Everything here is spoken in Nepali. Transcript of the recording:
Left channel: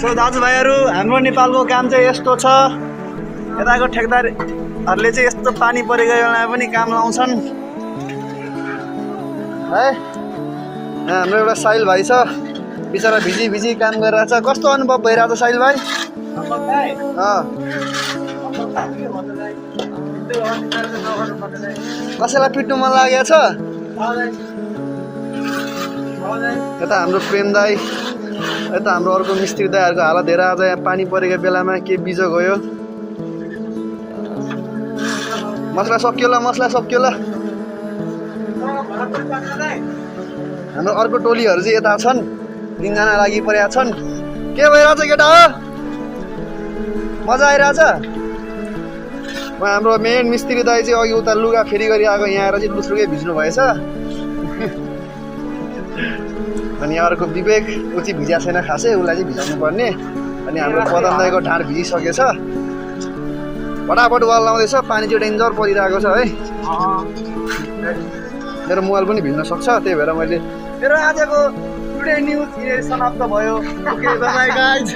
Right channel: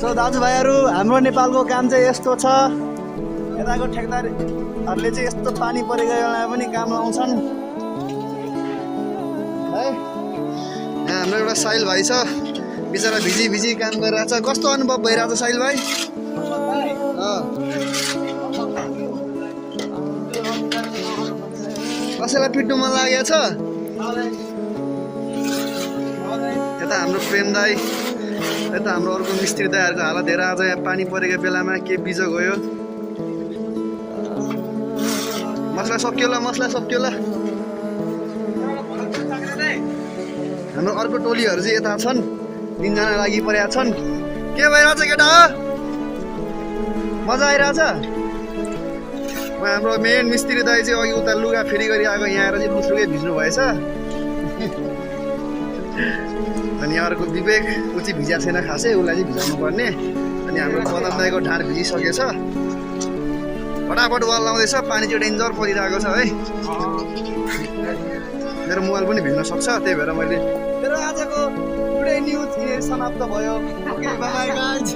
सो दाजुभाइहरू हाम्रो नेपालको काम चाहिँ यस्तो छ यताको ठेकदारहरूले चाहिँ यस्तो पानी परेको बेलामा पनि काम लाउँछन् है। यहाँ हाम्रो एउटा साहिल भाइ छ बिचरा भिजी भिजी काम गरिरहेछ। कस्तो अनुभव भइरहेछ साहिल भाइ? कसैलाई पिट्नु मन लागेको छ? यता हाम्रो प्रेम दाई, यता हाम्रो अर्को मिस्त्री दाईहरूको हालत हेर। आज यहाँ पानी परेको बेलामा के बिजो गयो। मसला सकियो ल, मसला सकियो ल। हाम्रो अर्को टोलीहरू चाहिँ यता छन्, 3 जना लागि परेका छन्। के भइरहेछ केटा हो? मजा आइरहेछ? हाम्रो मेन मिस्त्री दाई चाहिँ अघि उता लुगा फेरि गरी आएको, यहाँ आएर चाहिँ लुस्रुकै भिज्नु भएछ। अनि अर्को विवेक ऊ चाहिँ भिजा छैन खासै, उसलाई चाहिँ भिजाउनु पर्ने। अनि हाम्रो पदम दाईको ढाड भिजिसकेछ, फटाफट वाल लाउँदैछ। पानी चाहिँ डेन्जर परिरहेको छ है। मेरो मोबाइल पनि भिज्न सक्छ, त्यही भएर मैले मेरो आजको टुडे न्युज समाप्त भयो। Okay bye bye guys.